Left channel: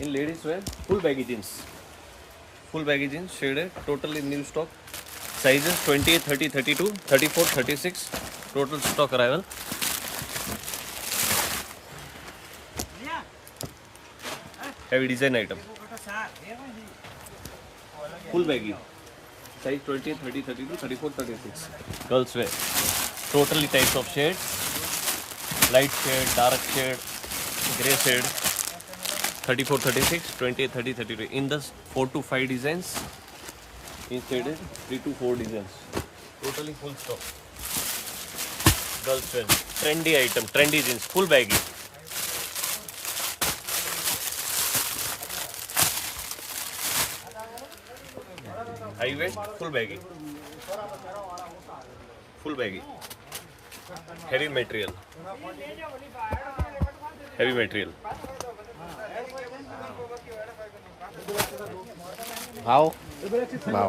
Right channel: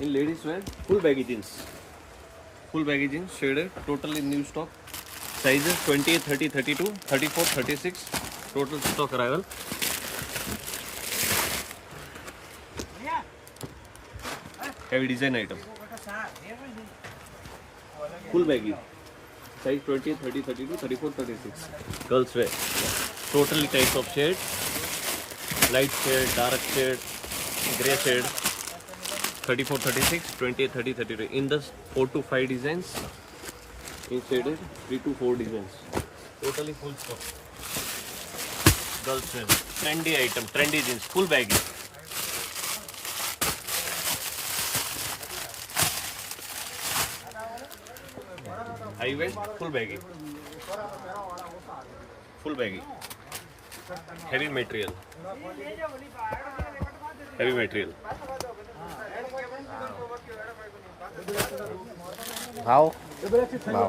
In ladies wear, full baggy jeans. Full baggy jeans, shaded, totally new stock. Sizes 28, 30, 32, 34, 36. Total stock arrival. Heavy design item. Full baggy. Size 20, 30, 32, 34, 36. Girls wear. Totally types of shades. Light shade, dark shade, grey shade. 34, 36, 20, 30, 32. In the 4 to 5 designs. In shaded 3 to 4 designs. Totally full stock. Girls wear. Trendy item, trendy jeans, full baggy. High waist, full baggy. Full baggy. Heavy material. Heavy material. भाव भाव